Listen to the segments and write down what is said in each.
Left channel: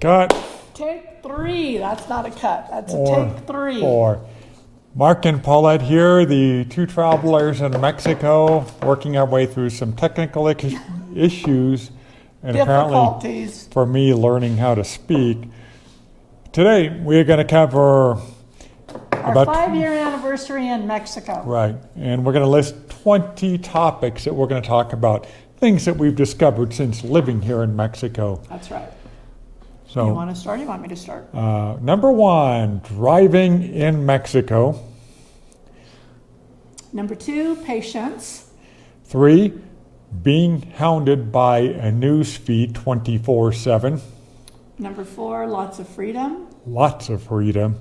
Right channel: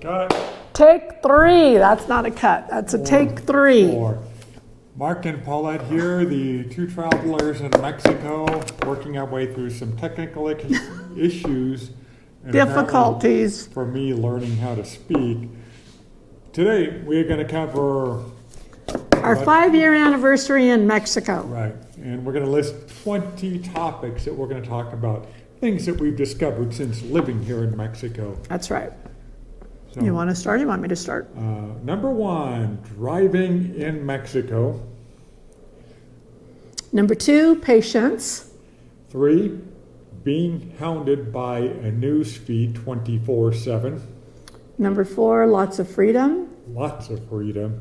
Cut. Take 3. That's not a cut. That's a take 3. 4. Marc and Paulette here, the two travelers in Mexico, working our way through some technical issues and Difficulties. for me learning how to speak. Today we're going to cover our 5-year anniversary in Mexico. Right, and we're going to list 20 topics that we're going to talk about, things that we've discovered since living here in Mexico. That's right. So, you want to start? You want me to start? Number 1, driving in Mexico. Number 2, patience. 3, being hounded by a news feed 24/7. Number 4, lots of freedom. Lots of freedom.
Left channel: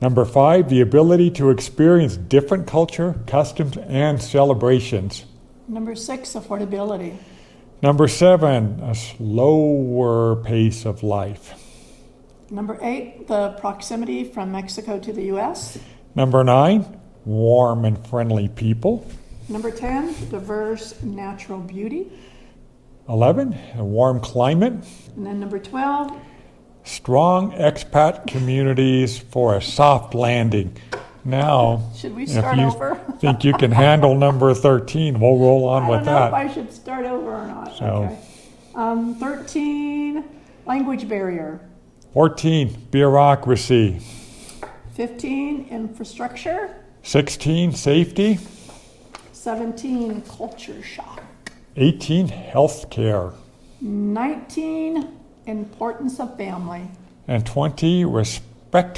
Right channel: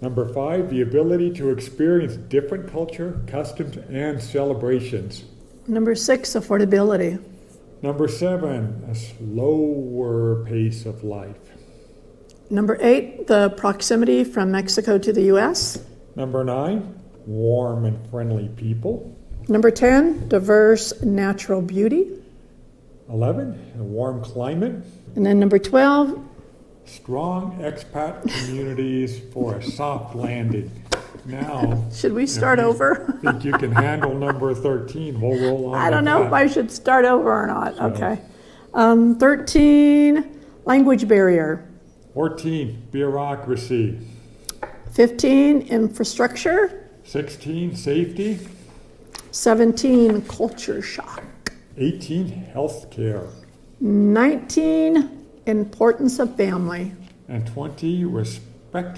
Number 5, the ability to experience different culture, customs, and celebrations. Number 6, affordability. Number 7, a slower pace of life. Number 8, the proximity from Mexico to the U.S. Number 9, warm and friendly people. Number 10, diverse natural beauty. 11, a warm climate. And then number 12, strong expat communities for a soft landing. Now, should we start over? Think you can handle number 13? We'll roll on with that. I don't know if I should start over or not. So. Okay. 13, language barrier. 14, bureaucracy. 15, infrastructure. 16, safety. 17, culture shock. 18, healthcare. 19, importance of family. And 20, respect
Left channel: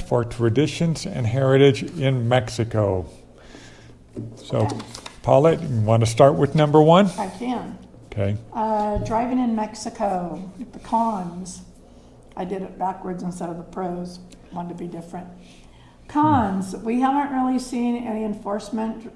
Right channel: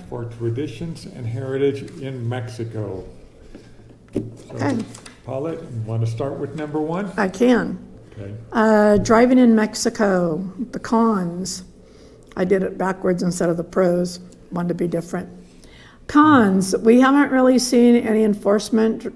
for traditions and heritage in Mexico. So, okay. Paulette, you want to start with number 1? I can. Okay. Driving in Mexico, the cons. I did it backwards instead of the pros. Wanted to be different. Cons, we haven't really seen any enforcement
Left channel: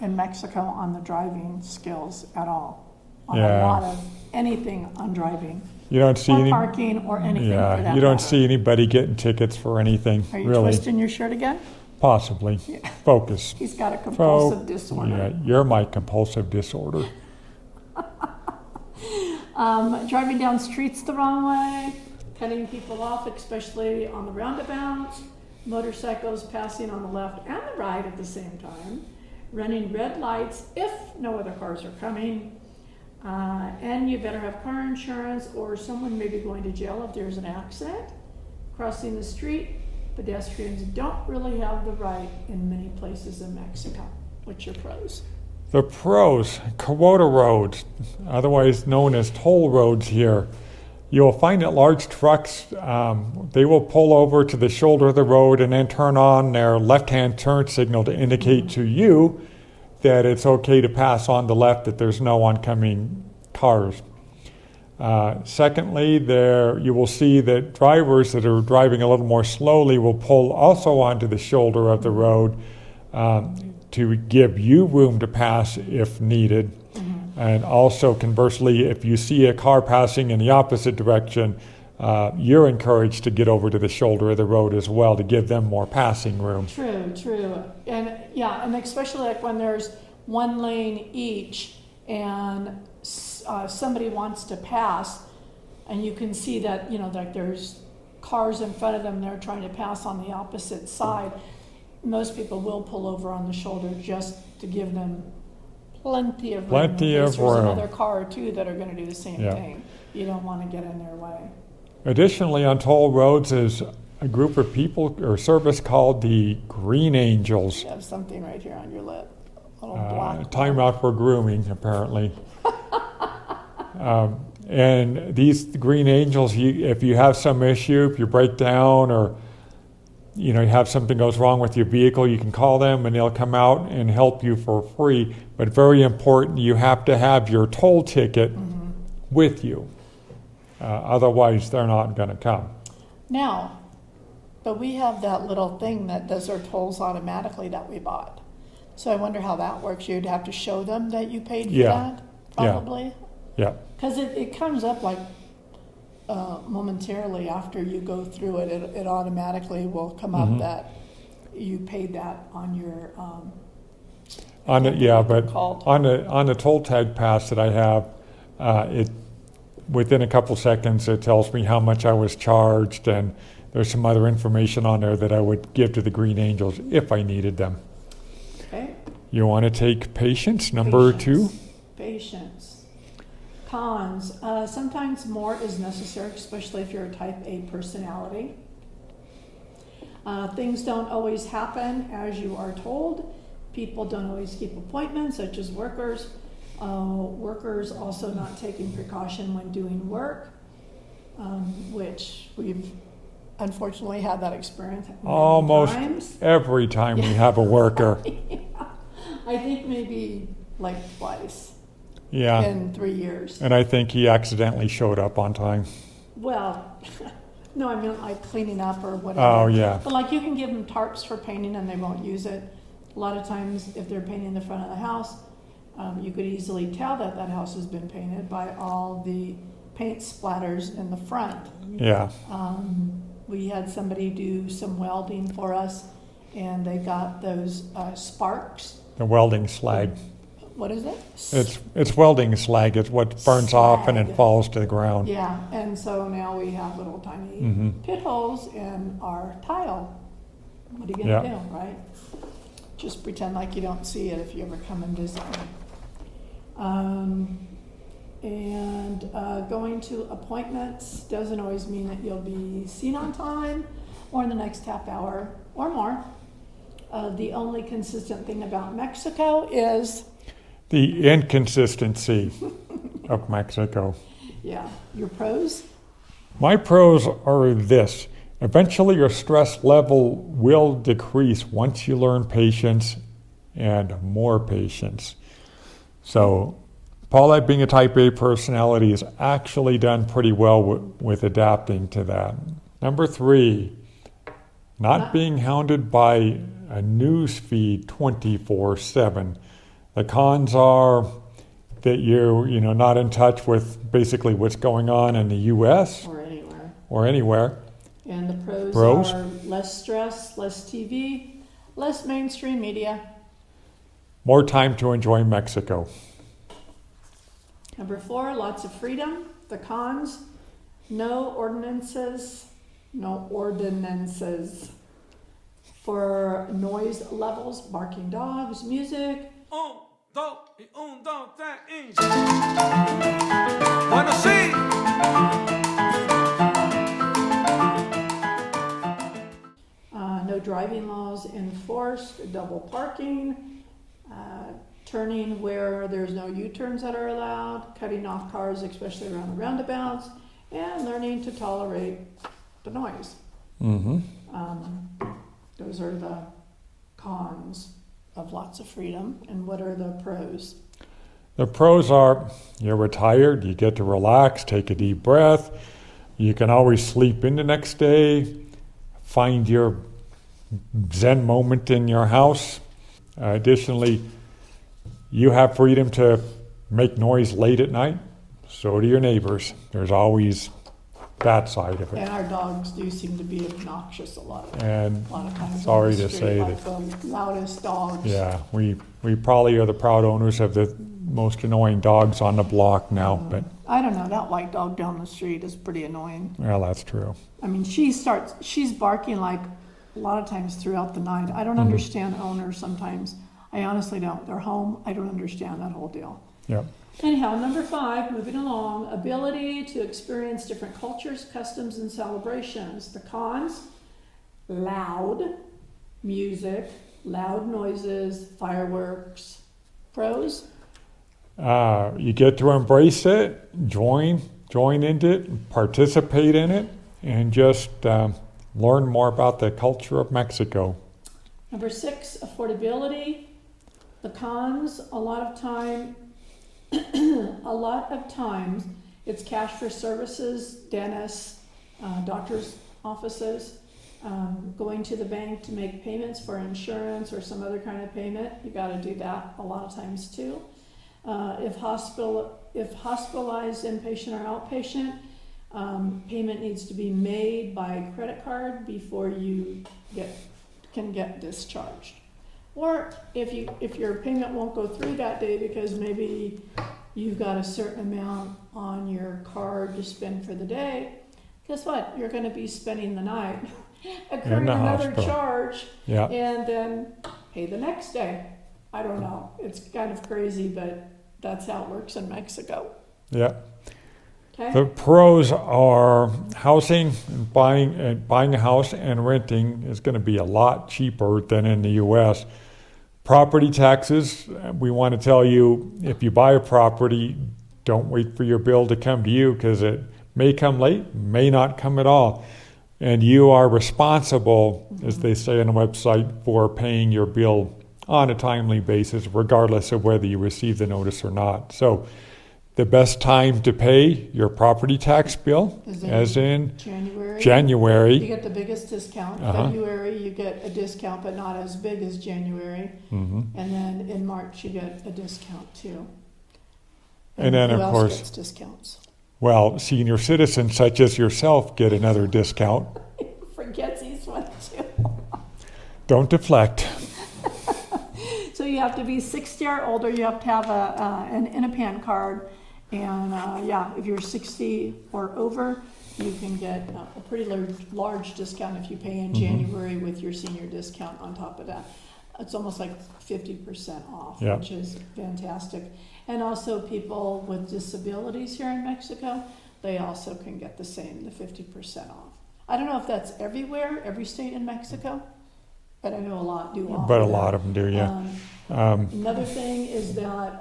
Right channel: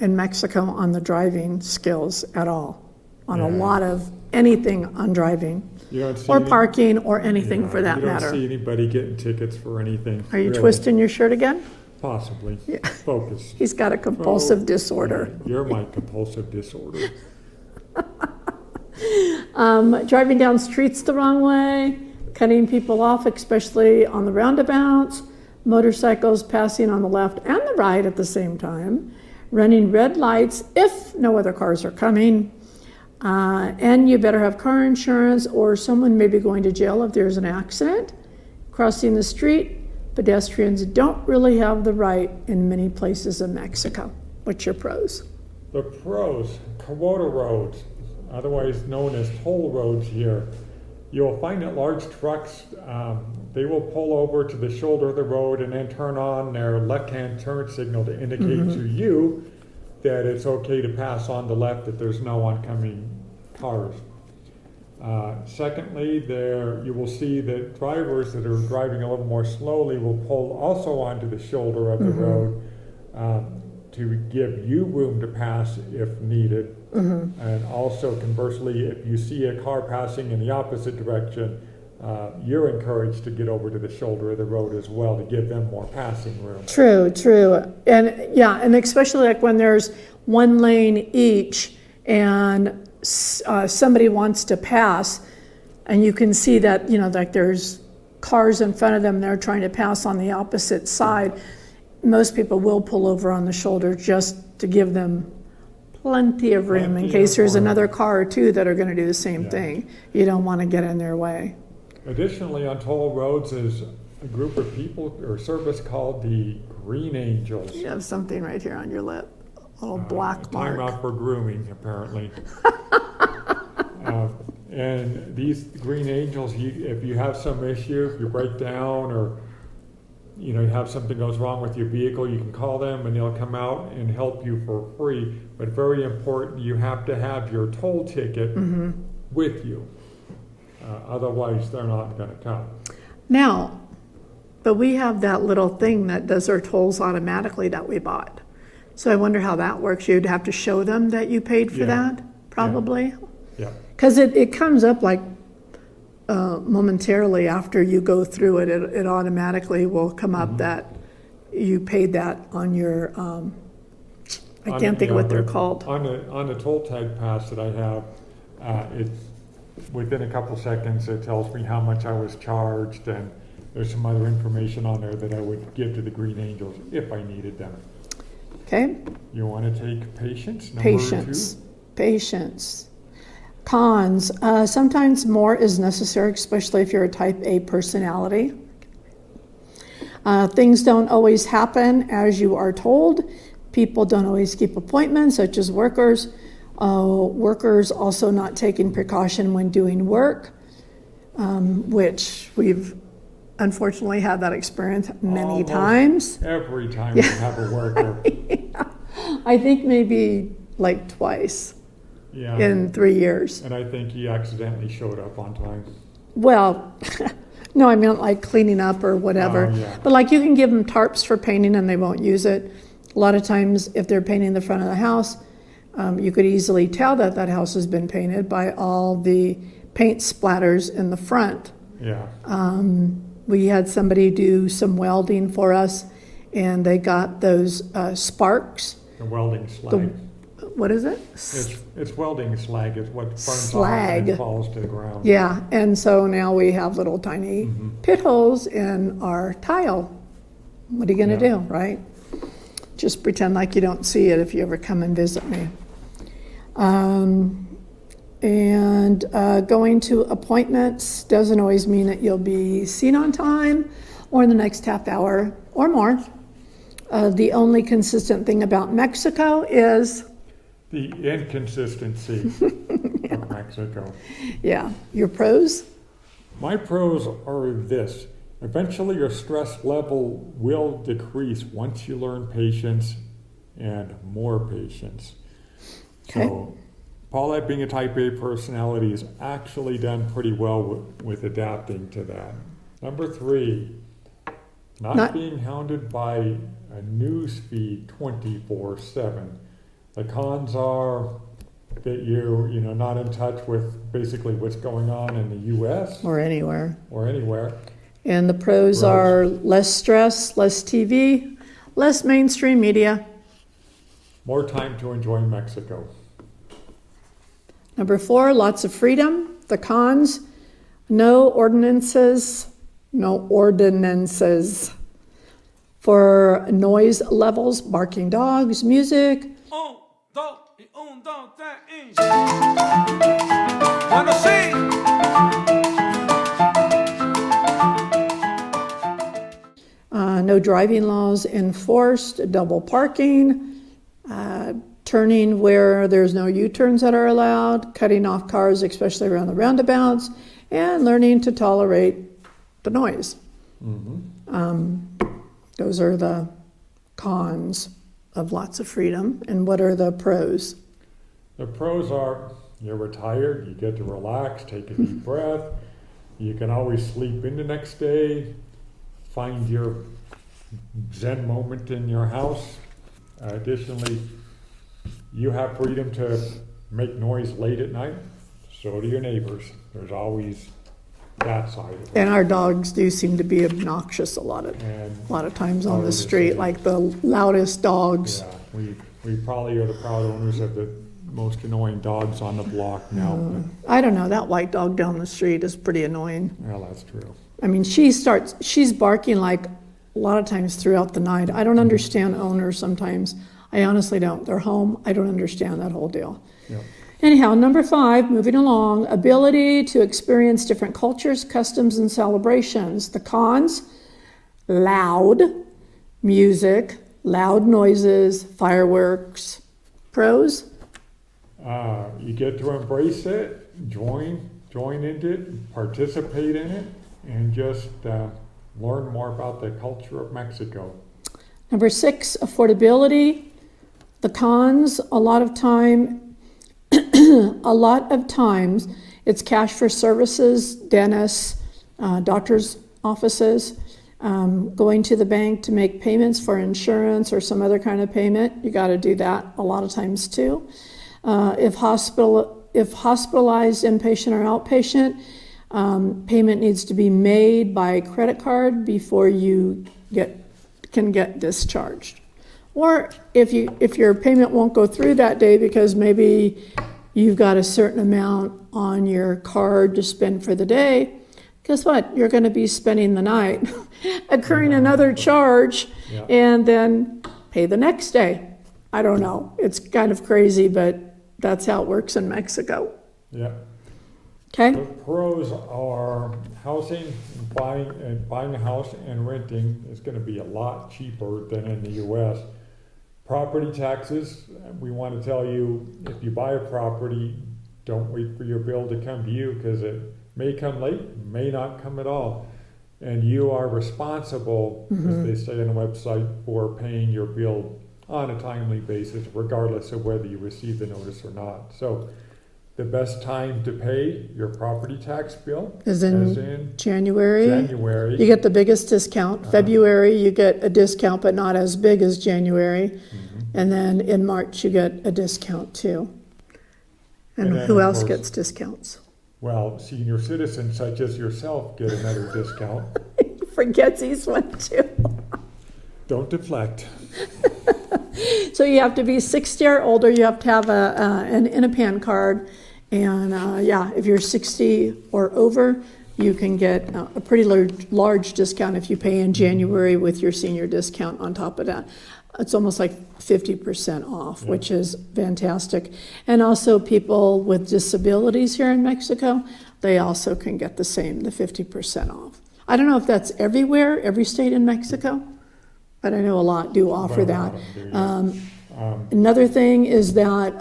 in Mexico on the driving skills at all. On a lot of anything on driving. You don't see or parking or anything for that matter. You don't see anybody getting tickets for anything. Are you twisting your shirt again? Possibly. Yeah. Focus. He's got a compulsive disorder. Yeah, you're my compulsive disorder. Driving down streets the wrong way, cutting people off, especially on the roundabouts, motorcycles passing on the left and the right at the same time, running red lights if no other cars are coming. And you better have car insurance or someone may be going to jail if there's an accident. Crossing the street, pedestrians don't really have the right in many places in Mexico. What's your pros? The pros, quota roads, otherwise known as toll roads here. You'll find that large trucks, they will pull over to the shoulder of the road and then turn on their left-hand turn signal to indicate to you that it's okay to pass on the left, that there's no oncoming cars. Secondly, you will see that drivers that are driving a little more slowly will pull also onto the shoulder of the road to give you room to pass if needed. And also conversely, if you see a car passing in the opposite direction, you're encouraged to get over to the shoulder of the road as well to give them more passing room. True. And especially like when there's one lane each and somebody wants to pass and you can see that, like there's cars in front of them, they're trying to pass on the opposite side. Most people will pull over on the shoulder just to give them plenty of room in case there's another car or two that are going to do the same thing. You don't want to get in their way. Additionally, on toll roads is a group of people or service called the Green Angels. You have something right here on your lip, a little black time mark. out for grooming, apparently. And these Green Angels, if you have some issue, if you break down or you have something goes wrong with your vehicle, you can call them and they'll come out and help you for free. But very important, you have to have your toll ticket with you. Otherwise, they're not going to come. Now, but we have that little thing that does our tolls automatically that we bought. So I wonder how that works. You'd have to show them that you paid for that, probably? Yeah. Because it comes up like momentarily after you go through it. It automatically will come up that you paid that on your, I can't think what they're called. On the toll tag pass that I have, within a couple seconds, it tells me how much I was charged, and there's some other information on there that I would give to the Green Angels if I needed them. Okay. You want to take patience, number Patience. 2? Patience. Cons. Sometimes more is necessary, especially if you're a type A personality. Things don't always happen as you are told. People don't always keep appointments, such as workers. Workers also not taking precaution when doing work, which we've unfortunately had that experience many Almost times. every time we have a worker. Yeah. I think maybe like twice Yeah. in 3 years. And I think he accidentally showed up on time. Well, no, I mean like cleaning up or whatever. Oh, yeah. But like you can give them tarps for painting and they won't use it. A lot of times if they're painting the front of the house, you could easily tell that that house has been painted by all the paint splatters in the front. Yeah. We had somebody do some welding for us and they got those sparks. The welding slag. What is it? It's welding slag. It's what burns off and it Slag. falls to the ground. Yeah, and so now we have little tiny pit holes in our tile. What are you gonna Yeah. do, right? Just pretend like you don't see it if you ever come and visit me. And going to appointments doesn't always mean that you'll be seen on time or in the next half hour or more. The only consistent thing about Mexico is, The inconsistency of Mexico. yeah, your pros. My pros are this. Eventually your stress level will decrease once you learn patience and more patience. So Paulette, being a type A personality, has actually done pretty well with adapting to that. Number 3, not being hounded by a news feed 24/7. The cons are that you're not in touch with basically what's going on in the U.S. Or anywhere. or anywhere. And the pros Pros? are less stress, less TV, less mainstream media. More time to enjoy Mexico. Number 4, lots of freedom. The cons, no ordinances for noise levels, barking dogs, music. Un, dos, y un, dos, tres, y... Bueno, sí. No driving laws enforced, double parking, turning where there's no U-turns that are allowed, cutting off cars, especially around the roundabouts, and learning to tolerate the noise. Those are the cons of lots of freedom. And what are the pros? The pros are you're retired, you get to relax, take a deep breath, you can always sleep in the next day, find your Zen moment in your house. Additionally, you have freedom to make noise late at night, so do your neighbors. There's always that side of it. And our dogs do seem to be obnoxious a lot of times on the sorry to street, say, like the loudest dogs. Yeah, we probably are the proud owners of the most annoying dogs on the block now, but I don't know, that white dog down the street is pretty annoying. well, that's true. I mean, she's barking like a lot of times throughout the night. I don't understand owners sometimes. I honestly don't. They're home. I don't understand that whole deal. Yeah. Anyhow, number 5, moving along, ability to experience different cultures, customs, and celebrations. The cons, loud music, loud noises, fireworks. Pros, You get to embrace it, join into it, participate in it, and just learn more about the culture of Mexico. number 6, affordability. The cons, a lot of times it's cash for services, dentists, doctors' offices, going to the bank to make payments for insurance or some other kind of payment. You got to do that a lot of times too. If hospitalized, inpatient or outpatient, payment needs to be made by credit card before you can get discharged. Or if your payment won't go through that day because maybe you've got a certain amount on your card to spend for the day, guess what? You're going to be spending the night, accruing In the another hospital. charge, Yeah. and then pay the next day. I don't know. It's kind of crazy, but that's how it works in Mexico. Yeah. Okay? The pros are housing, buying a house and renting is going to be a lot cheaper than in the U.S. Property taxes, we want to tell you, if you buy a property, don't wait for your bill to come to you, because it may come late, may not come at all. And you are responsible, as they say on the website, for paying your bill on a timely basis, regardless of whether you receive the notice or not. So the best time to pay your property tax bill As is in in January. January. You get the biggest discount. February, you get a discount, but not as big as January. And then in March, you get a discount too. And then, who of else course- gets discounts? Well, senior citizens such as yourself get another discount. Forgets he's one too. Don't deflect. So you have to be 60 or older. You have to have an INAPAN card. And if you're 60 or over, you can get a pretty large discount if you pay in January with your senior discount on top of that. It's almost like 50% off, Yep. which is fantastic. And also people with disabilities here in Mexico, they also can get the same, the 50% off. I don't know if that's everywhere, every state in Mexico, but I know a lot do offer But a that. lot of them do, yeah. Another thing is that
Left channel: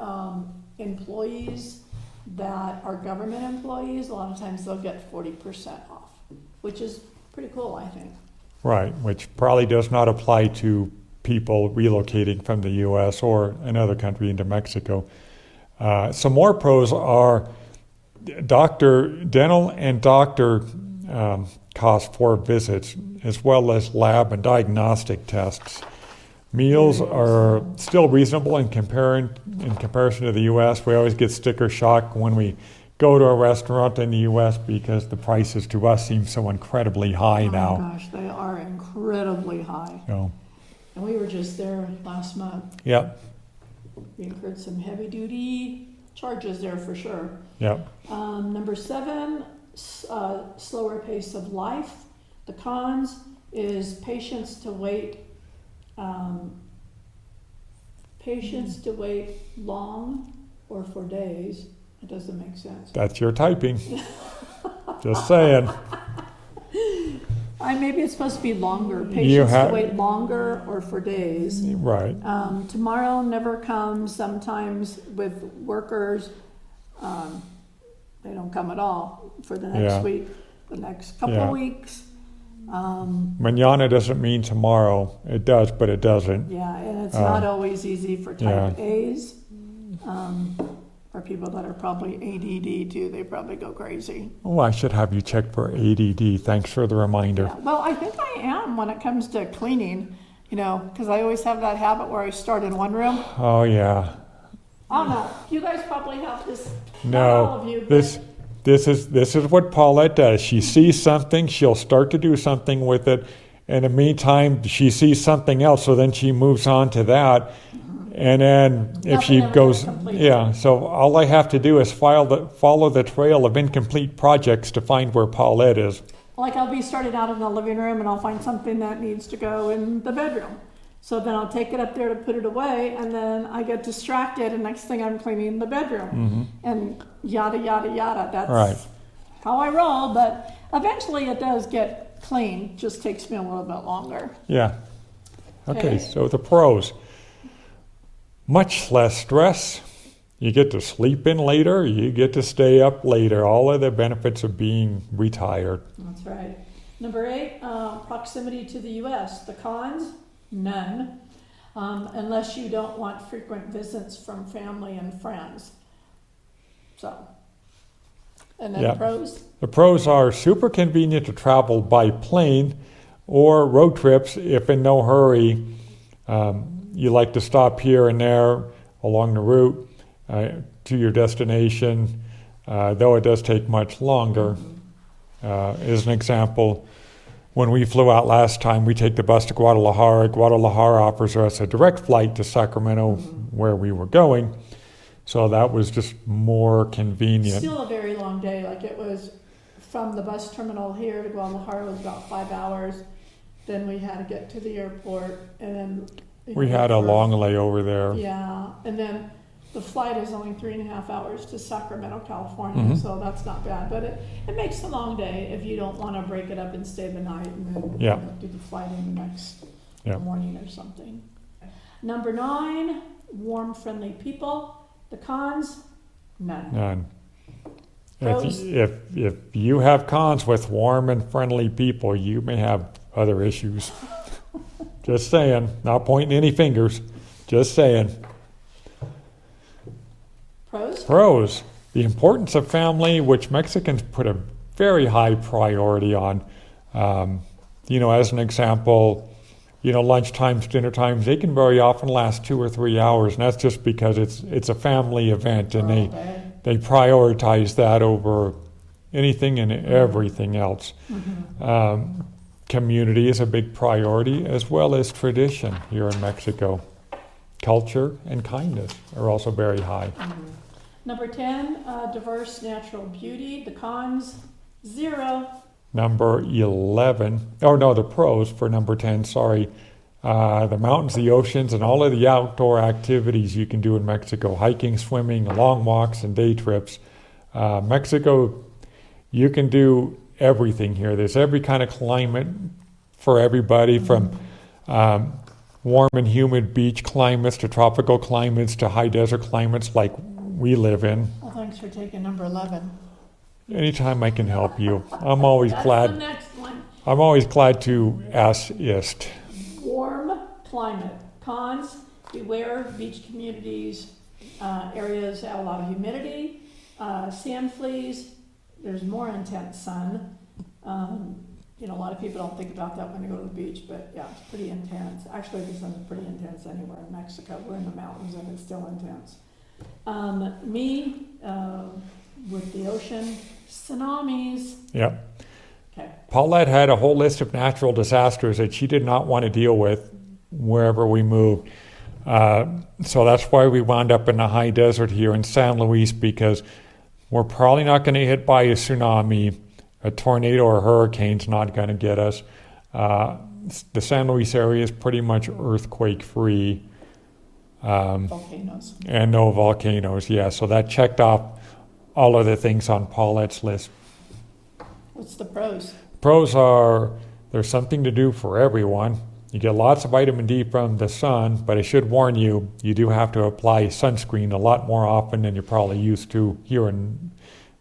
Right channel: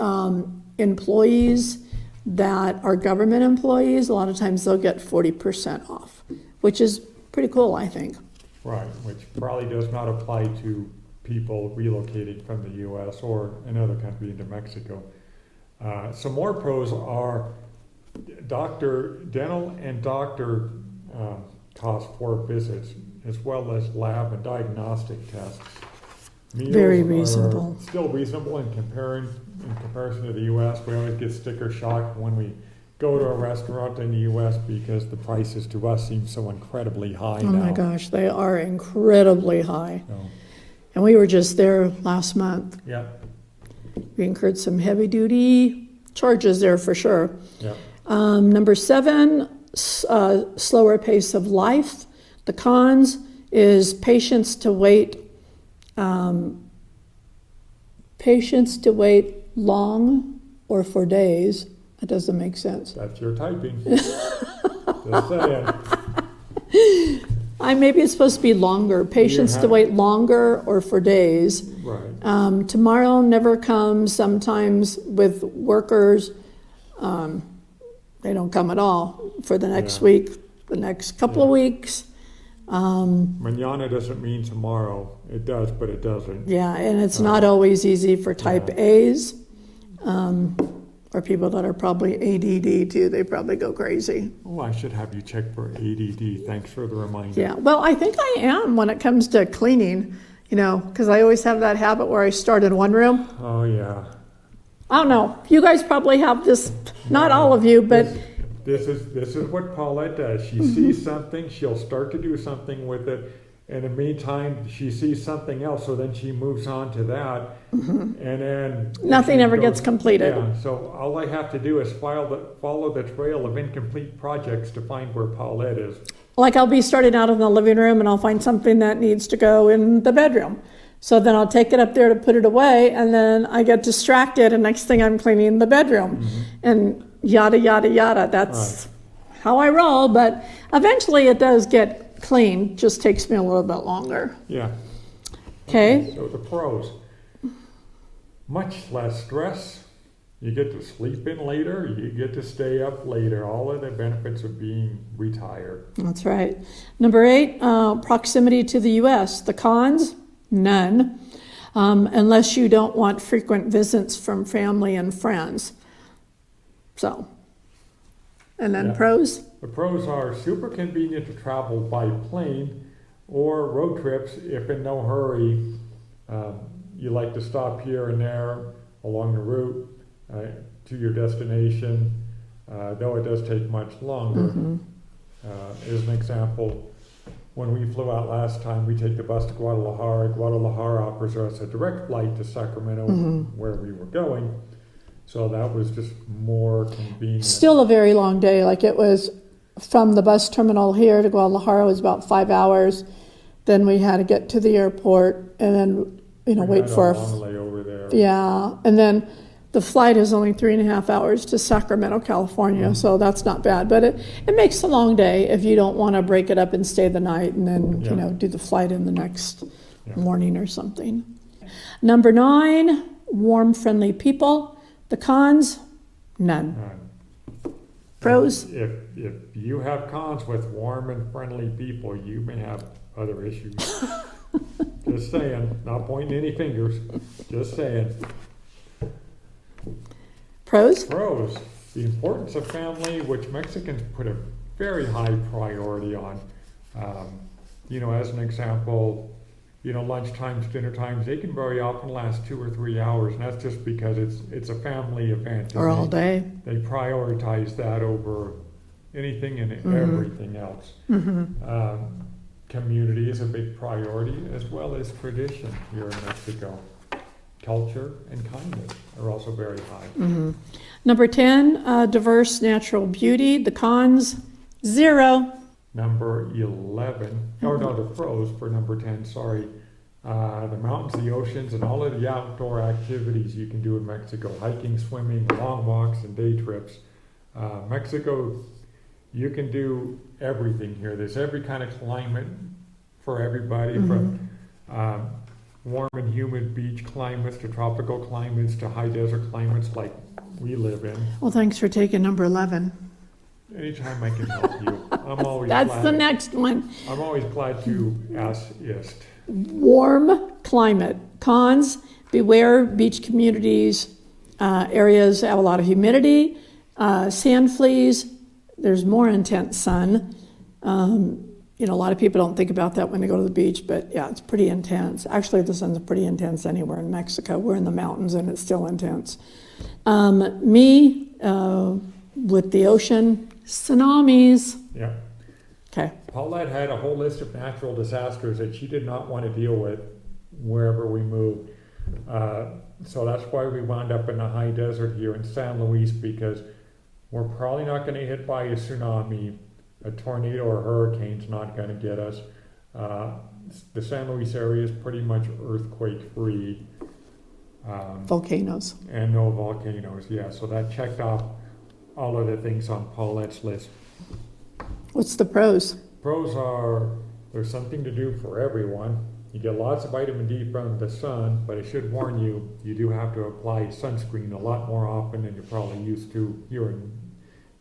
employees that are government employees, a lot of times they'll get 40% off, which is pretty cool, I think. Right, which probably does not apply to people relocating from the U.S. or another country into Mexico. Some more pros are dental and doctor cost for visits, as well as lab and diagnostic tests. Meals Very are reasonable. still reasonable in comparison to the U.S. We always get sticker shock when we go to a restaurant in the U.S. because the prices to us seem so incredibly high Oh now. my gosh, they are incredibly high. So, And we were just there last month. yeah, We incurred some heavy duty charges there for sure. yeah. Number 7, slower pace of life. The cons is patience to wait long or for days. That doesn't make sense. That's your typing. Just saying. Maybe it's supposed to be longer. Patience to have- wait longer or for days. Right. Tomorrow never comes. Sometimes with workers, they don't come at all for the next Yeah. week, the next couple of Yeah. weeks. Manana doesn't mean tomorrow. It does, but it doesn't. Yeah, and it's not always easy for type yeah. A's, or people that are probably ADD too. They probably go crazy. Oh, I should have you check for ADD. Thanks for the reminder. Yeah, well, I think I am when it comes to cleaning, because I always have that habit where I start in one room. Oh, yeah. I don't know. You guys probably have this, not No, all of you, but This is what Paulette does. She sees something, she'll start to do something with it. In the meantime, she sees something else, so then she moves on to that. And then if Nothing she ever goes, gets completed. Yeah, so all I have to do is follow the trail of incomplete projects to find where Paulette is. like I'll be starting out in the living room and I'll find something that needs to go in the bedroom. So then I'll take it up there to put it away, and then I get distracted, and next thing I'm cleaning the bedroom. And yada, yada, yada. That's Right. how I roll, but eventually it does get clean. Just takes me a little bit longer. Yeah. Okay. So the pros. Much less stress. You get to sleep in later. You get to stay up later. All of the benefits of being retired. That's right. Number 8, proximity to the U.S. The cons, none, unless you don't want frequent visits from family and friends. So, and then Yeah. pros? The pros are super convenient to travel by plane or road trips if in no hurry. You like to stop here and there along the route to your destination, though it does take much longer. As an example, when we flew out last time, we take the bus to Guadalajara. Guadalajara offers us a direct flight to Sacramento, where we were going. So that was just more convenient. Still a very long day. Like it was from the bus terminal here to Guadalajara was about 5 hours. Then we had to get to the airport and then we wait had a for long layover there. Yeah, and then the flight is only 3.5 hours to Sacramento, California, so that's not bad. But it makes a long day if you don't want to break it up and stay the night and then do the flight in the next morning or something. Number 9, warm, friendly people. The cons, none. None. Pros? If you have cons with warm and friendly people, you may have other issues. Just saying. Not pointing any fingers. Just saying. Pros? Pros. The importance of family, which Mexicans put a very high priority on. As an example, lunch times, dinner times, they can very often last 2 or 3 hours, and that's just because it's a family event, Or and all day. they prioritize that over anything and everything else. Community is a big priority, as well as tradition here in Mexico. Culture and kindness are also very high. Number 10, diverse natural beauty. The cons, 0. Number 11, the pros for number 10, sorry. The mountains, the oceans, and all of the outdoor activities you can do in Mexico. Hiking, swimming, long walks, and day trips. Mexico, you can do everything here. There's every kind of climate for everybody, from warm and humid beach climates to tropical climates to high desert climates like we live in. Well, thanks for taking number 11. Anytime I can help you, I'm always That's glad. the next one. I'm always glad to assist. Warm climate. Cons, beware beach communities, areas have a lot of humidity, sand fleas, there's more intense sun. A lot of people don't think about that when they go to the beach, but yeah, it's pretty intense. Actually, the sun's pretty intense anywhere in Mexico. We're in the mountains and it's still intense. With the ocean, tsunamis. Yeah. Okay. Paulette had a whole list of natural disasters that she did not want to deal with wherever we moved. So that's why we wound up in the high desert here in San Luis, because we're probably not going to get by a tsunami. A tornado or hurricane's not going to get us. The San Luis area is pretty much earthquake-free. Volcanoes. And no volcanoes, yeah. So that checked off all of the things on Paulette's list. What's the pros? Pros are there's something to do for everyone. You get lots of vitamin D from the sun, but I should warn you, you do have to apply sunscreen a lot more often than you're probably used to here in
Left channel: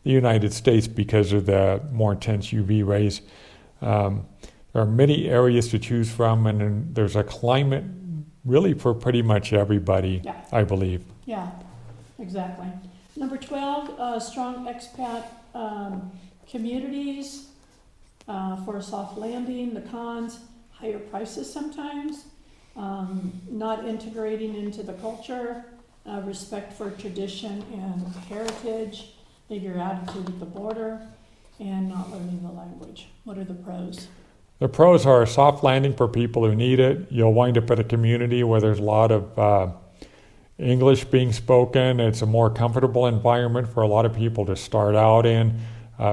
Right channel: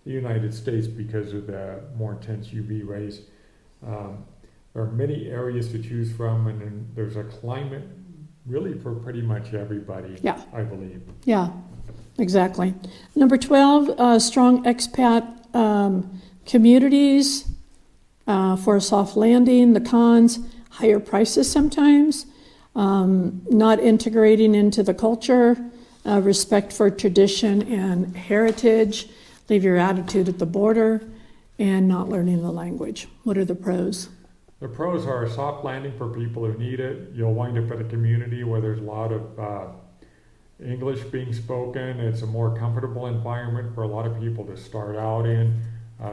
the United States because of the more intense UV rays. There are many areas to choose from, and then there's a climate really for pretty much everybody, I believe. Yeah, exactly. Number 12, strong expat communities for a soft landing. The cons, higher prices sometimes, not integrating into the culture, respect for tradition and heritage, leave your attitude at the border, and not learning the language. What are the pros? The pros are a soft landing for people who need it. You'll wind up in a community where there's a lot of English being spoken. It's a more comfortable environment for a lot of people to start out in.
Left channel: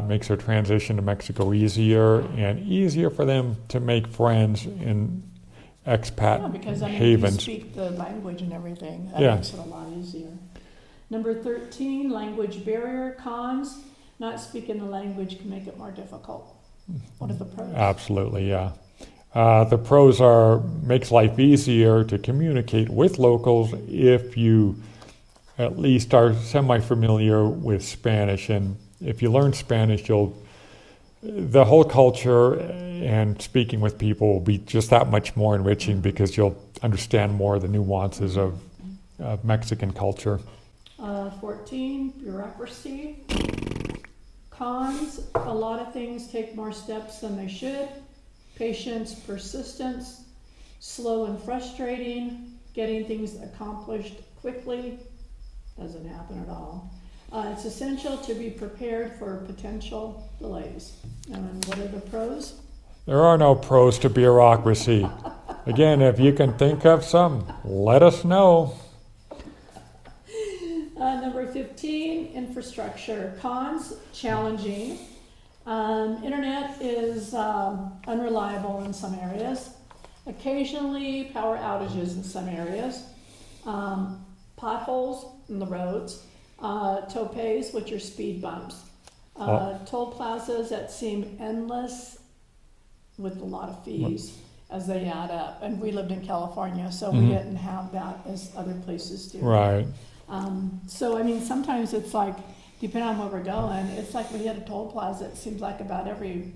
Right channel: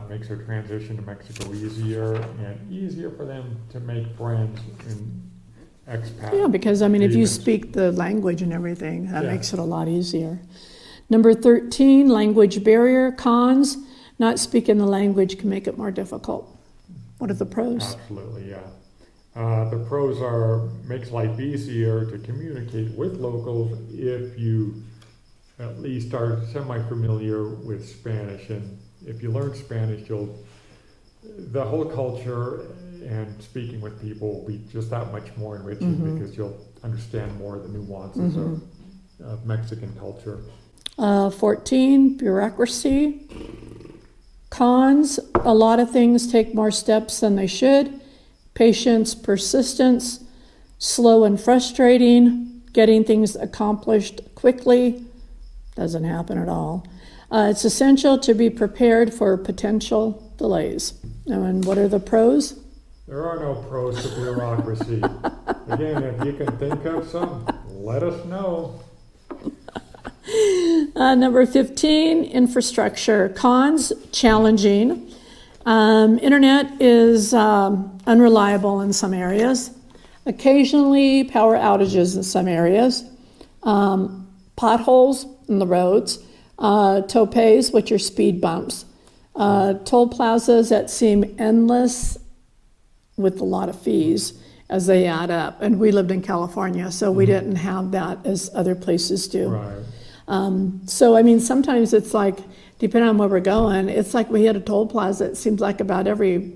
Makes their transition to Mexico easier, and easier for them to make friends in expat Yeah, because if you havens. speak the language and everything, that makes it a lot easier. Number 13, language barrier. Cons, not speaking the language can make it more difficult. What are the pros? Absolutely, yeah. The pros are makes life easier to communicate with locals if you at least are semi-familiar with Spanish. And if you learn Spanish, the whole culture and speaking with people will be just that much more enriching because you'll understand more of the nuances of Mexican culture. 14, bureaucracy. Cons, a lot of things take more steps than they should. Patience, persistence, slow and frustrating, getting things accomplished quickly, doesn't happen at all. It's essential to be prepared for potential delays. And what are the pros? There are no pros to bureaucracy. Again, if you can think of some, let us know. Number 15, infrastructure. Cons, challenging. Internet is unreliable in some areas. Occasionally, power outages in some areas. Potholes in the roads. Topes, which are speed bumps. Toll plazas that seem endless with a lot of fees as they add up. And we lived in California, so we didn't have that as other places do. Right. So, I mean, sometimes it's like, depending on where we're going, it's like we hit a toll plaza, it seems like about every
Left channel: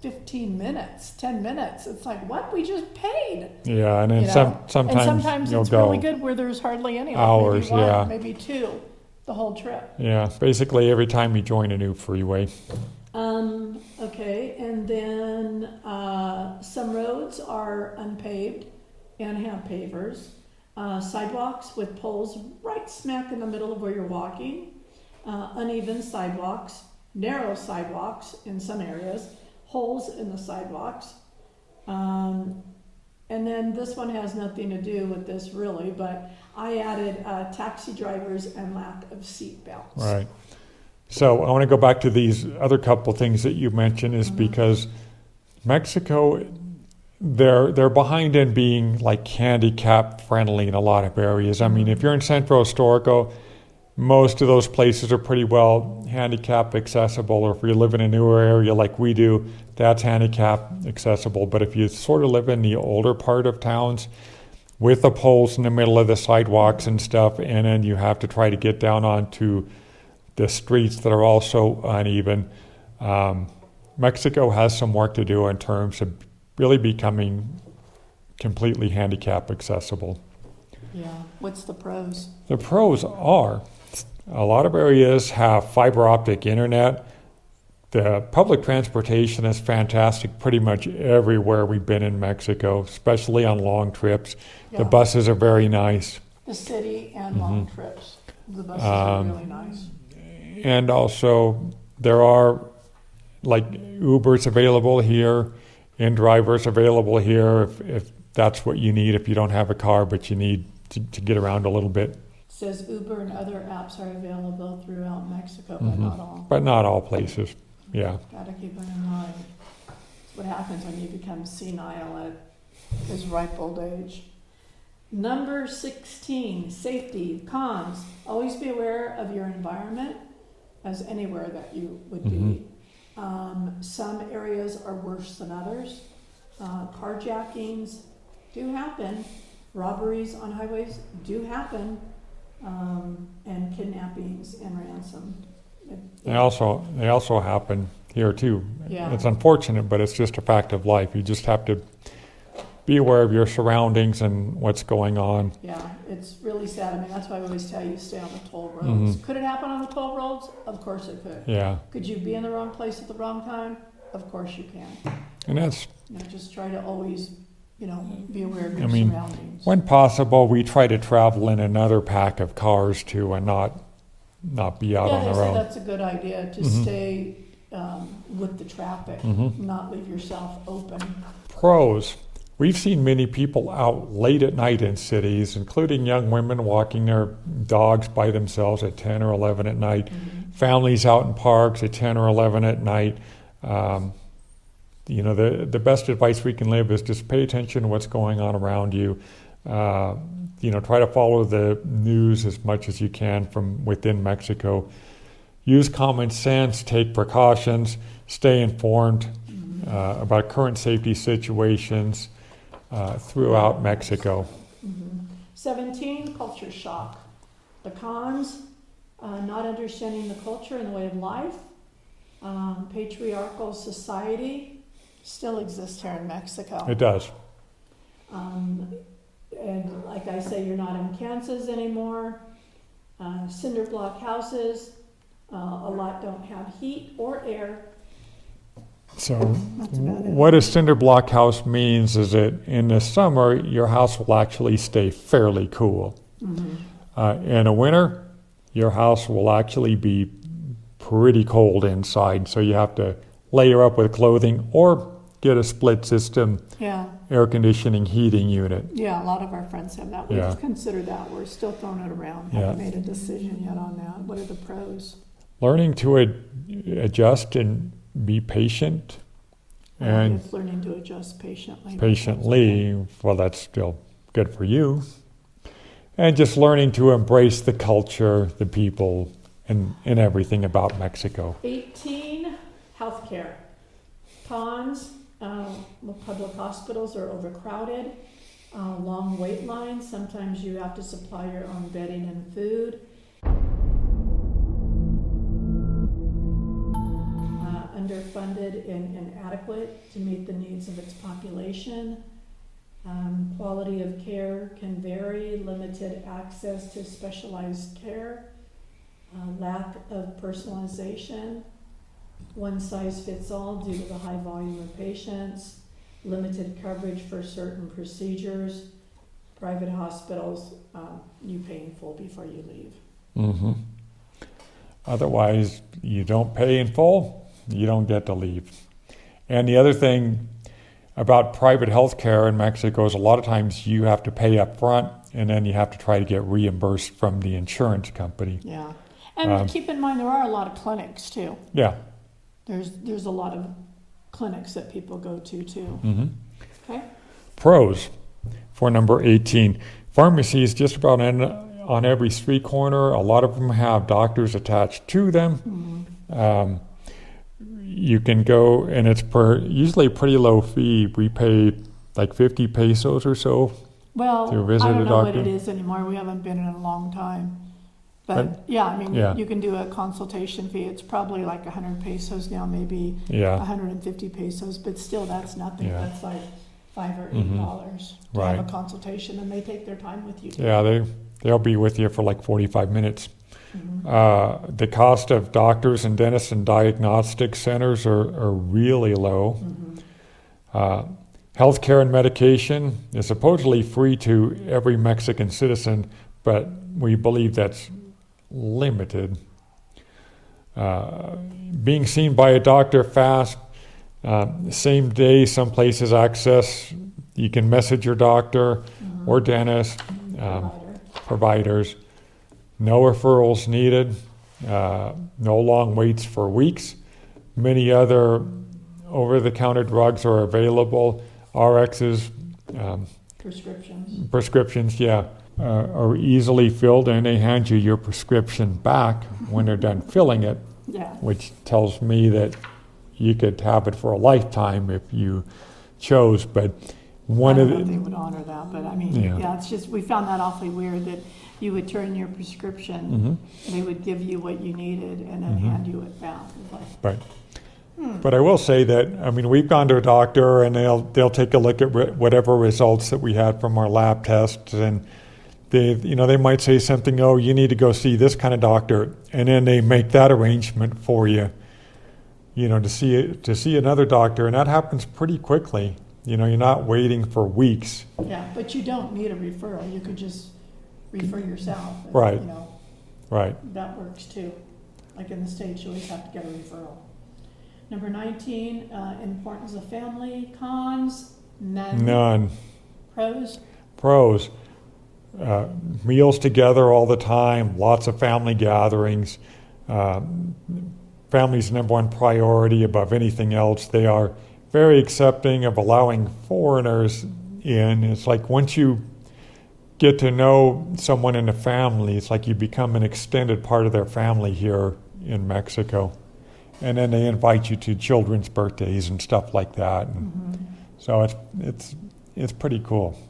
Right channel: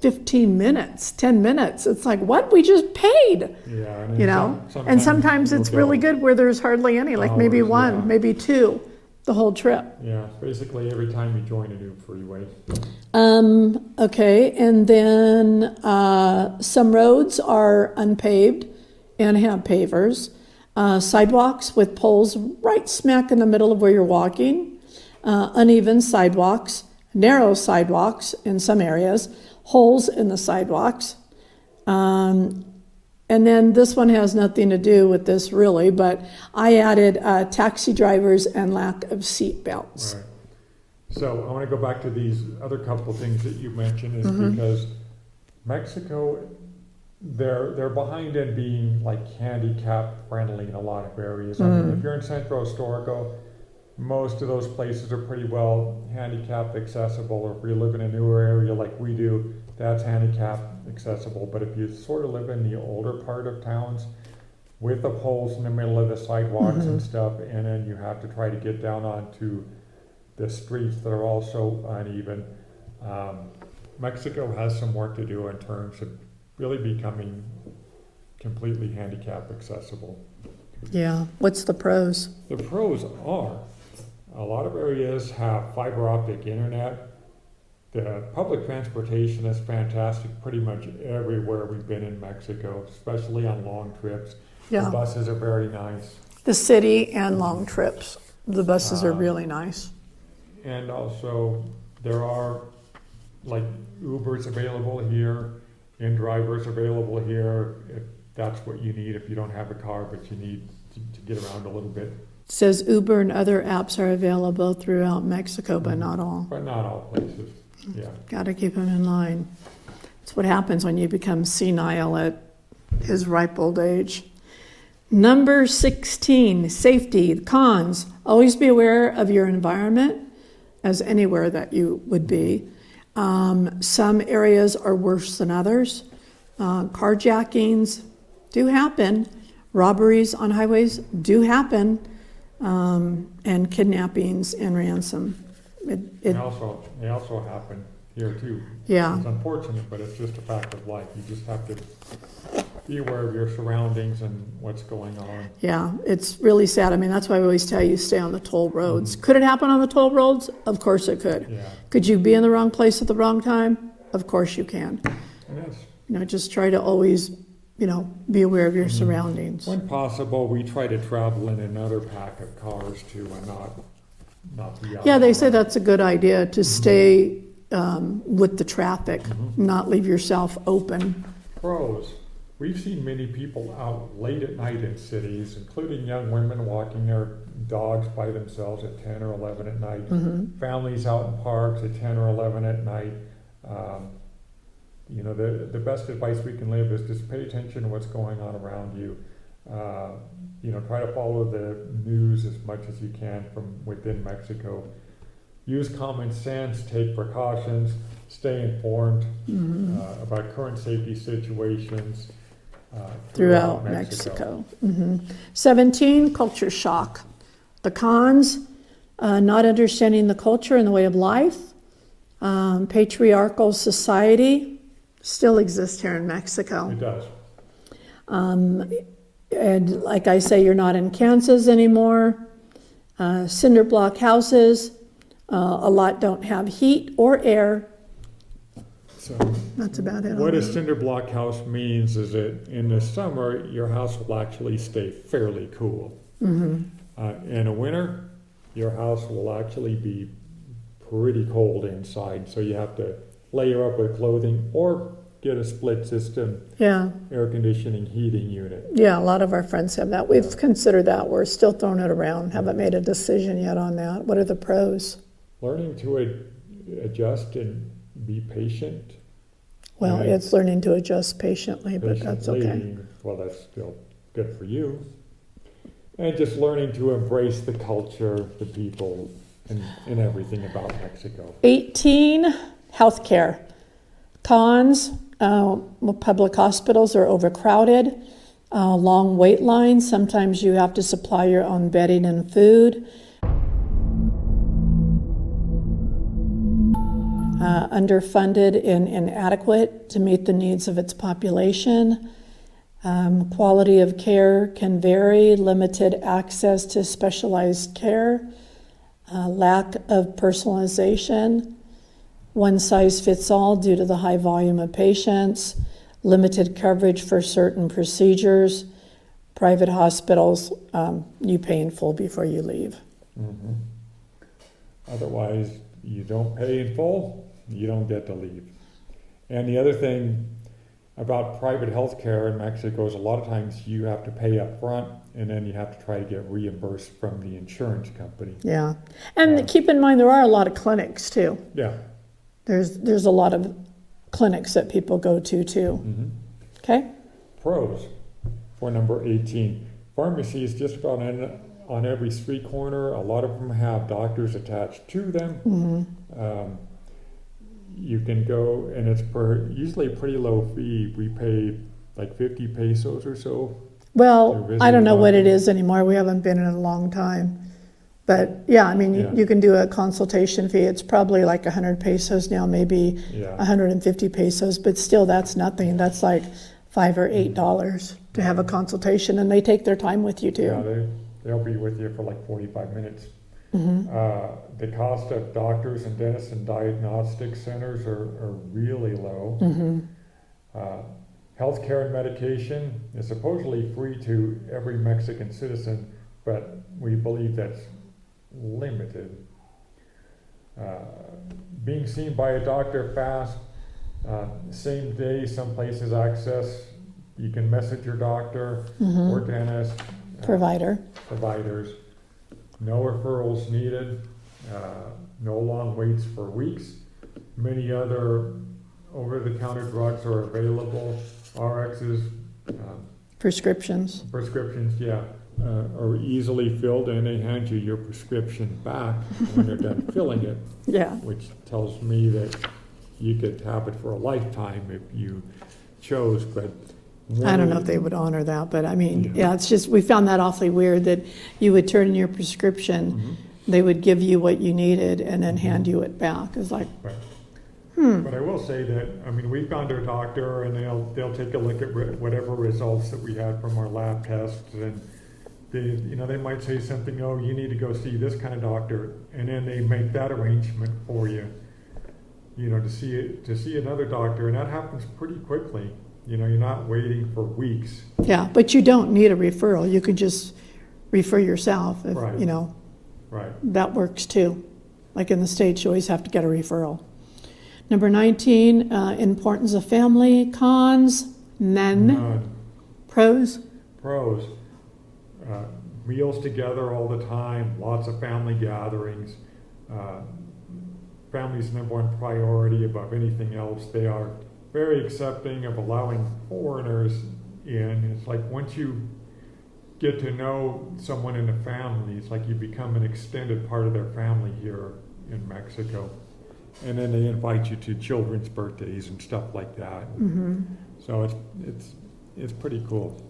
15 minutes, 10 minutes. It's like, what? We just paid. Yeah, and You then know? sometimes it's you'll really go good where there's hardly any, like maybe hours, one, yeah. maybe two, the whole trip. Yeah, basically every time you join a new freeway. Okay, and then some roads are unpaved and have pavers. Sidewalks with poles right smack in the middle of where you're walking. Uneven sidewalks, narrow sidewalks in some areas, holes in the sidewalks. And then this one has nothing to do with this really, but I added taxi drivers and lack of seat belts. Right. So I want to go back to these other couple things that you mentioned is because Mexico, they're behind in being like handicap friendly in a lot of areas. I mean, if you're in Centro Historico, most of those places are pretty well handicap accessible, or if you live in a newer area like we do, that's handicap accessible. But if you sort of live in the older part of towns with the poles in the middle of the sidewalks and stuff, and then you have to try to get down onto the streets that are also uneven, Mexico has some work to do in terms of really becoming completely handicap accessible. Yeah, what's the pros? The pros are a lot of areas have fiber optic internet. The public transportation is fantastic pretty much everywhere we've been in Mexico, especially on long trips. Yeah. The buses are very nice. The city and long trips. The buses are really nice. And also there are like Ubers available here, in-drivers available here if that's what you need, if you don't have a car but you need to get around a little bit. It says Uber and other apps are available throughout Mexico, but not all. But not all places, yeah. Got to keep them in line. It's what happens when you become senile at his ripe old age. Number 16, safety, cons. Always be aware of your environment, as anywhere that you would be. Some areas are worse than others. Carjackings do happen. Robberies on highways do happen. And kidnappings and ransom. They also happen here too. Yeah. It's unfortunate, but it's just a fact of life. You just have to be aware of your surroundings and what's going on. Yeah, it's really sad. I mean, that's why I always tell you stay on the toll roads. Could it happen on the toll roads? Of course it could. Yeah. Could you be in the wrong place at the wrong time? Of course you can. And that's, Just try to always, be aware of your surroundings. when possible, we try to travel in another pack of cars too and not be out Yeah, on they our say own. that's a good idea to stay with the traffic, not leave yourself open. Pros. We've seen many people out late at night in cities, including young women walking their dogs by themselves at 10 or 11 at night, families out in parks at 10 or 11 at night. The best advice we can live is just pay attention to what's going on around you. Try to follow the news as much as you can from within Mexico. Use common sense, take precautions, stay informed about current safety situations throughout Mexico. 17, culture shock. The cons, not understanding the culture and the way of life. Patriarchal society still exists here in Mexico. It does. And like I say, you're not in Kansas anymore. Cinder block houses, a lot don't have heat or air. So That's about it. what a cinder block house means is that in the summer, your house will actually stay fairly cool. In the winter, your house will actually be pretty cold inside, so you have to layer up with clothing or get a split system Yeah, air conditioning heating unit. yeah, a lot of our friends have that. We've Yeah. considered that. We're still throwing it around. Haven't Yeah. made a decision yet on that. What are the pros? Learning to adjust and be patient. Well, and it's learning to adjust patiently. But that's patiently, well, that's still good for you. And just learning to embrace the culture, the people, and everything about Mexico. 18, healthcare. Cons, public hospitals are overcrowded, long wait lines. Sometimes you have to supply your own bedding and food. Underfunded and inadequate to meet the needs of its population. Quality of care can vary, limited access to specialized care, lack of personalization, one size fits all due to the high volume of patients, limited coverage for certain procedures, private hospitals, you pay in full before you leave. Mm-hmm. Otherwise, you don't pay in full, you don't get to leave. And the other thing about private health care in Mexico is a lot of times you have to pay up front and then you have to try to get reimbursed from the insurance company. Yeah, and keep in mind there are a lot of clinics too. Yeah. There's a lot of clinics that people go to too. Mm-hmm. Okay? Pros for number 18. Pharmacies just about on every street corner. A lot of them have doctors attached to them. Mm-hmm. You can go, and it's usually a pretty low fee. We pay like 50 pesos or so. To Well, visit I don't a know what doctor. it is anymore. We haven't been in a long time. But yeah, I mean, Yeah. you can do a consultation fee. It's probably like 100 pesos now, maybe Yeah. 150 pesos, but still that's nothing. Yeah. That's like $5 or $8 to have a Right. consultation, and they take their time with you too. Yeah, they'll be with you for like 45 minutes. The cost of doctors and dentists and diagnostic centers are really low. Healthcare and medication is supposedly free to every Mexican citizen, but we believe that's limited. Being seen by a doctor fast, same day, some places access, you can message your doctor or dentist. Providers. No referrals needed, no long waits for weeks. Many other over-the-counter drugs are available. RXs, Prescriptions. prescriptions, are easily filled, and they hand you your prescription back when they're done filling it, Yeah. which tells me that you could have it for a lifetime if you chose. But I one don't of know the, if they would honor that, but I mean, Yeah. yeah, it's just, we found that awfully weird that you would turn in your prescription, they would give you what you needed and then hand you it back. It's like, Right. But I will say that, I mean, we've gone to a doctor and they'll take a look at whatever results that we had from our lab tests, and they might say something, oh, you need to go see this kind of doctor, and then they make that arrangement for you, to see another doctor, and that happens pretty quickly. You're not waiting for weeks. yeah, but you don't need a referral. You could just refer yourself. If, Right. Right. That works too. Like in the States, you always have to get a referral. Number 19, importance of family. Cons, none. None. Pros, Pros, meals together all the time, lots of family gatherings. Family's number one priority above anything else. They are very accepting of allowing foreigners in. It's like once you get to know someone in the family, it's like you become an extended part of their family here in Mexico. And then they invite you to children's birthdays and stuff like that. So it's pretty cool.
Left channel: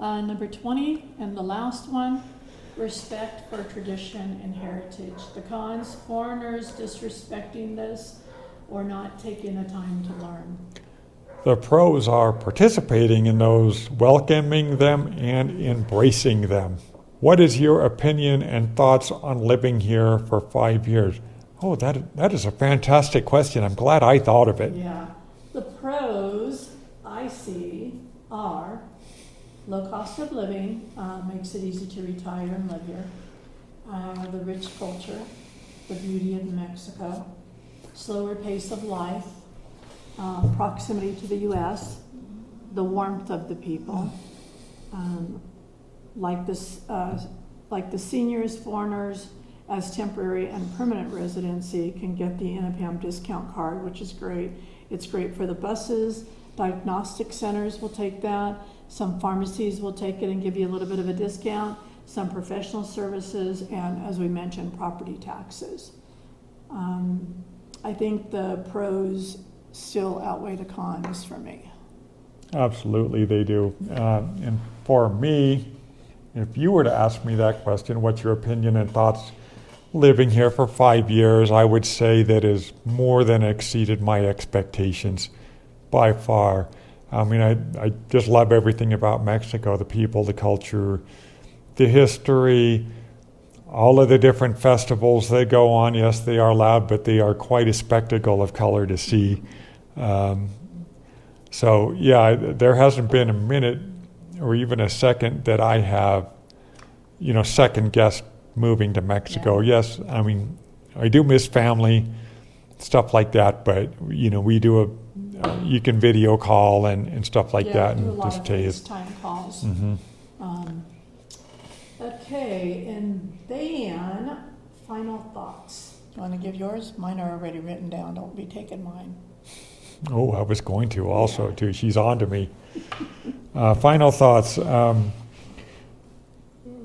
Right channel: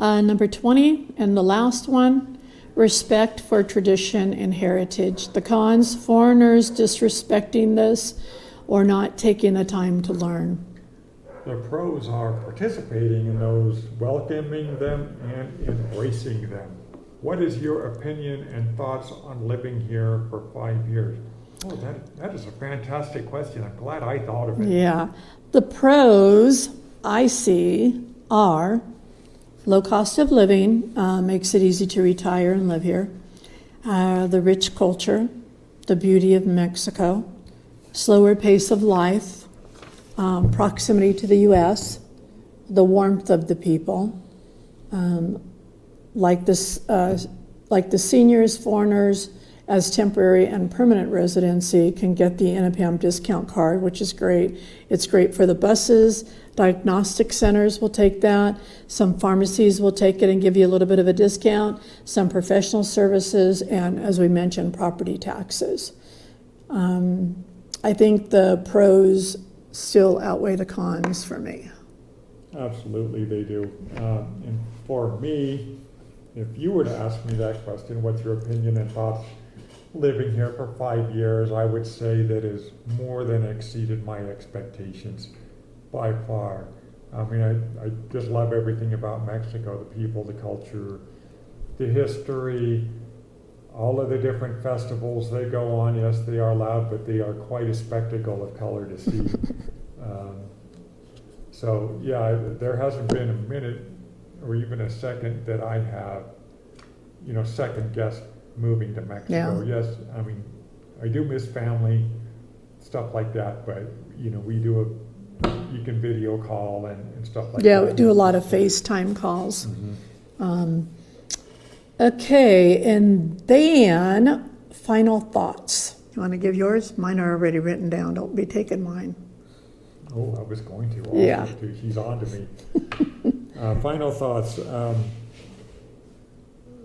number 20, and the last one, respect for tradition and heritage. The cons, foreigners disrespecting this or not taking the time to learn. The pros are participating in those, welcoming them, and embracing them. What is your opinion and thoughts on living here for 5 years? Oh, that is a fantastic question. I'm glad I thought of it. Yeah. The pros I see are low cost of living, makes it easy to retire and live here. The rich culture, the beauty of Mexico, slower pace of life, proximity to the U.S., the warmth of the people, like the seniors, foreigners, as temporary and permanent residency can get the NAPAM discount card, which is great. It's great for the buses. Diagnostic centers will take that. Some pharmacies will take it and give you a little bit of a discount. Some professional services, and as we mentioned, property taxes. I think the pros still outweigh the cons for me. Absolutely, they do. And for me, if you were to ask me that question, what's your opinion and thoughts living here for 5 years, I would say that has more than exceeded my expectations by far. I mean, I just love everything about Mexico, the people, the culture, the history, all of the different festivals they go on. Yes, they are loud, but they are quite a spectacle of color to see. So yeah, there hasn't been a minute or even a second that I have, second guessed moving to Mexico. Yeah. Yes, I mean, I do miss family, stuff like that, but we do you can video call and stuff like that. Yeah, we do a lot of Just tell you. FaceTime calls. Mhm. Okay, and then final thoughts. You want to give yours? Mine are already written down. Don't be taking mine. Oh, I was going to also Yeah. too. She's on to me. Final thoughts.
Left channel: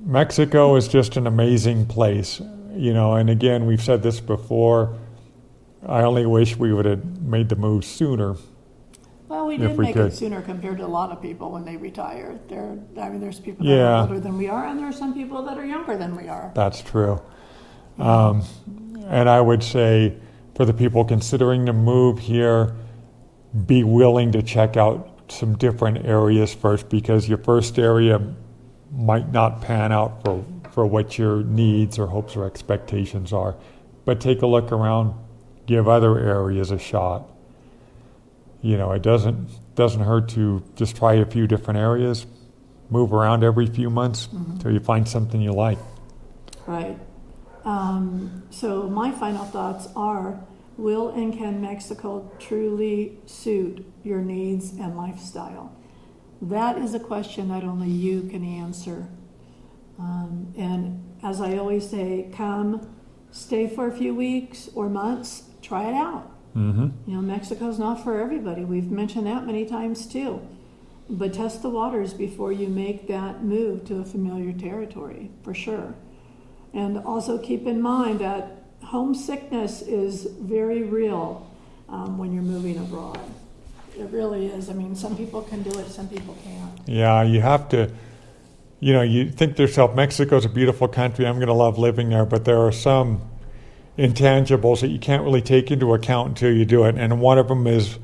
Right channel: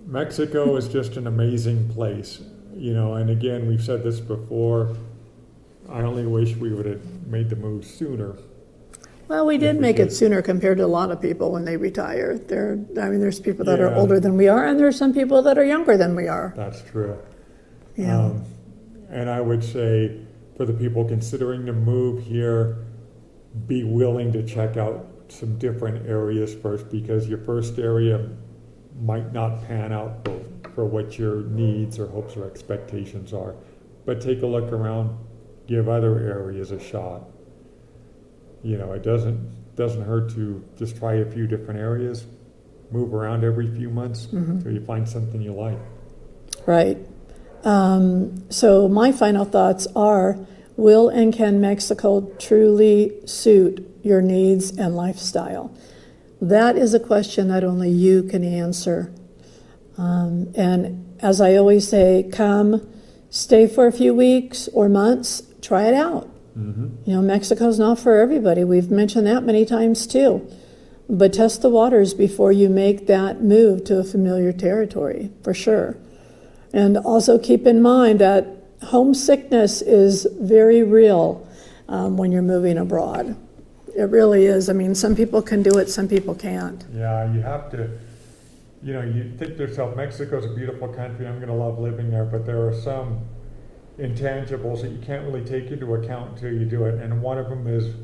Mexico is just an amazing place, and again, we've said this before. I only wish we would have made the move sooner. Well, we If did we make could. it sooner compared to a lot of people when they retire. There's people that Yeah. are older than we are, and there's some people that are younger than we are. That's true. Yeah. And I would say for the people considering to move here, be willing to check out some different areas first, because your first area might not pan out for what your needs or hopes or expectations are. But take a look around, give other areas a shot. It doesn't hurt to just try a few different areas, move around every few months until you find something you like. Right. So my final thoughts are, will and can Mexico truly suit your needs and lifestyle? That is a question that only you can answer. And as I always say, come, stay for a few weeks or months, try it out. Mm-hmm. Mexico's not for everybody. We've mentioned that many times too. But test the waters before you make that move to a familiar territory, for sure. And also keep in mind that homesickness is very real when you're moving abroad. It really is. I mean, some people can do it, some people can't. Yeah, you have to, you think to yourself, Mexico's a beautiful country, I'm going to love living there, but there are some intangibles that you can't really take into account until you do it. And one of them is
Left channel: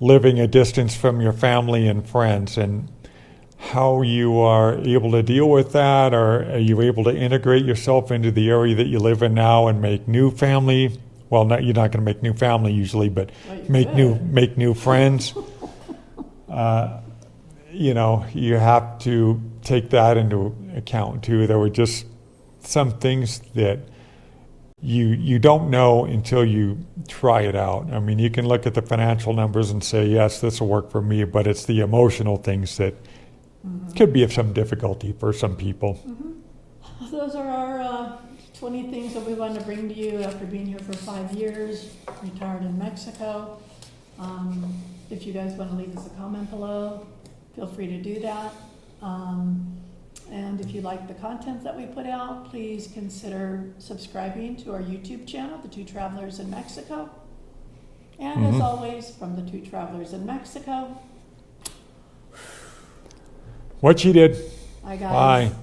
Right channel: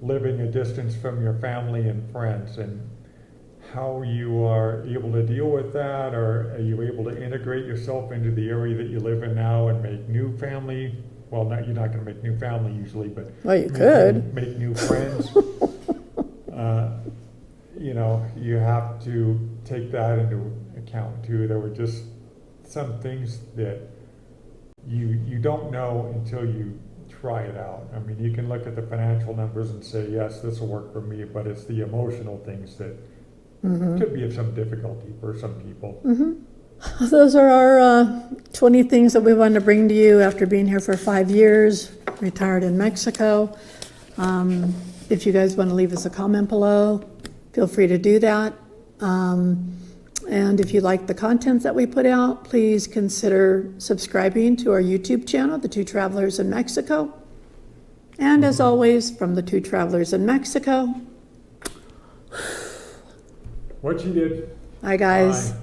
living a distance from your family and friends, and how you are able to deal with that, or are you able to integrate yourself into the area that you live in now and make new family? Well, you're not going to make new family usually, but Well, you make could. new friends. You have to take that into account too. There were just some things that you don't know until you try it out. I mean, you can look at the financial numbers and say, yes, this will work for me, but it's the emotional things that could be of some difficulty for some people. Those are our 20 things that we wanted to bring to you after being here for 5 years, retired in Mexico. If you guys want to leave us a comment below, feel free to do that. And if you like the content that we put out, please consider subscribing to our YouTube channel, The Two Travelers in Mexico. And as always, from The Two Travelers in Mexico, What she did. hi guys. Bye.